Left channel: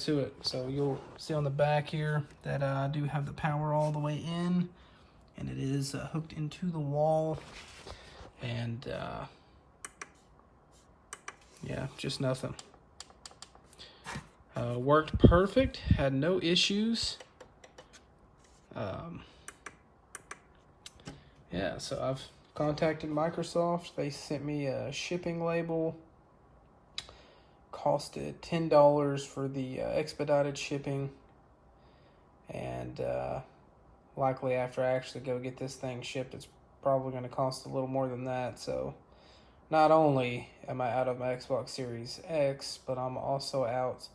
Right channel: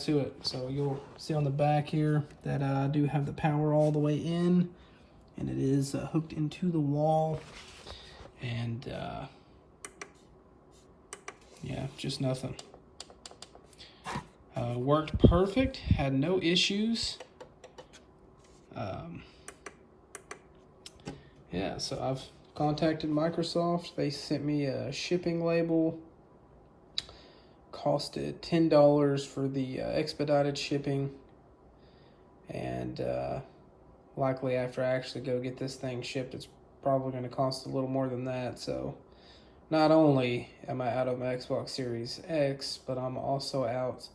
to it. So you'll see on the back here that I do have the power all the way in, and it is hooked into the wall, and yeah, just nothing. Worked perfect, had no issues. Yeah, so I've contacted Microsoft. They sent me a shipping label. Costed $10 for the expedited shipping, and likely after I actually go get this thing shipped, it's probably going to cost a little more than that. So not only am I out of my Xbox Series X, but I'm also out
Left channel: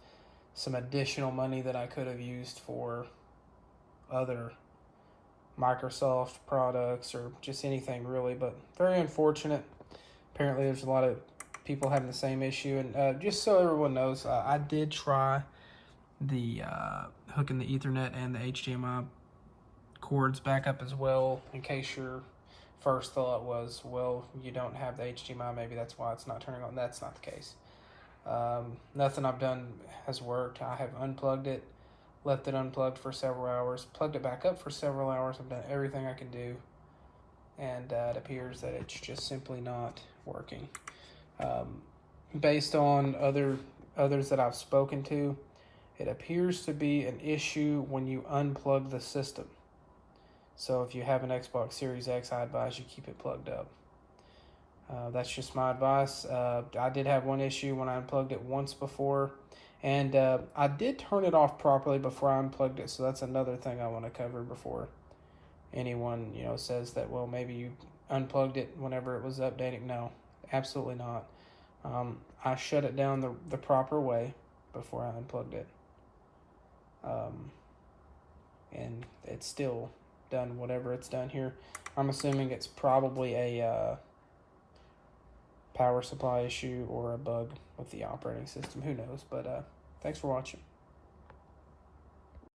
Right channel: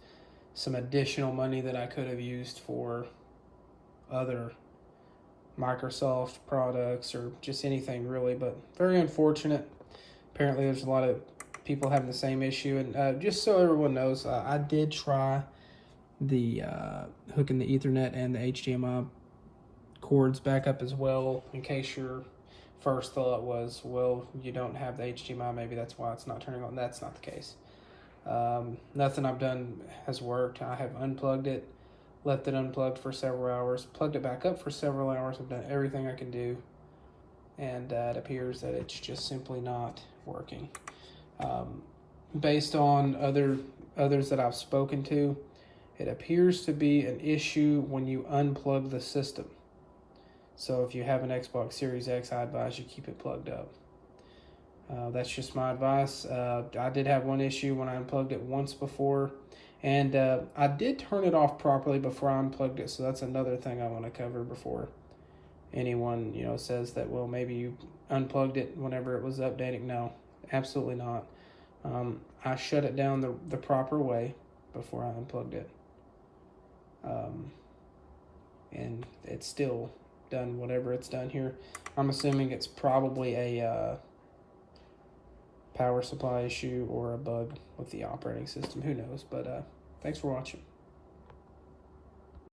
some additional money that I could have used for other Microsoft products or just anything really. But very unfortunate. Apparently there's a lot of people having the same issue, and just so everyone knows, I did try the hooking the Ethernet and the HDMI cords back up as well, in case your first thought was, well, you don't have the HDMI, maybe that's why it's not turning on. That's not the case. Nothing I've done has worked. I have unplugged it, left it unplugged for several hours, plugged it back up for several hours. I've done everything I can do, and it appears that it's just simply not working. Based on others that I've spoken to, it appears to be an issue when you unplug the system. So if you have an Xbox Series X, I advise you keep it plugged up. That's just my advice. I did have one issue when I unplugged it once before, and I did turn it off properly before I unplugged it. So that's another thing I want to cover before anyone says that, well, maybe you unplugged it whenever it was updating. No, absolutely not. I shut it down the proper way before I unplugged it, and it's still done whatever it's done here. I'm assuming it's probably a power supply issue or a bug with the operating system. Who knows? But thanks for watching.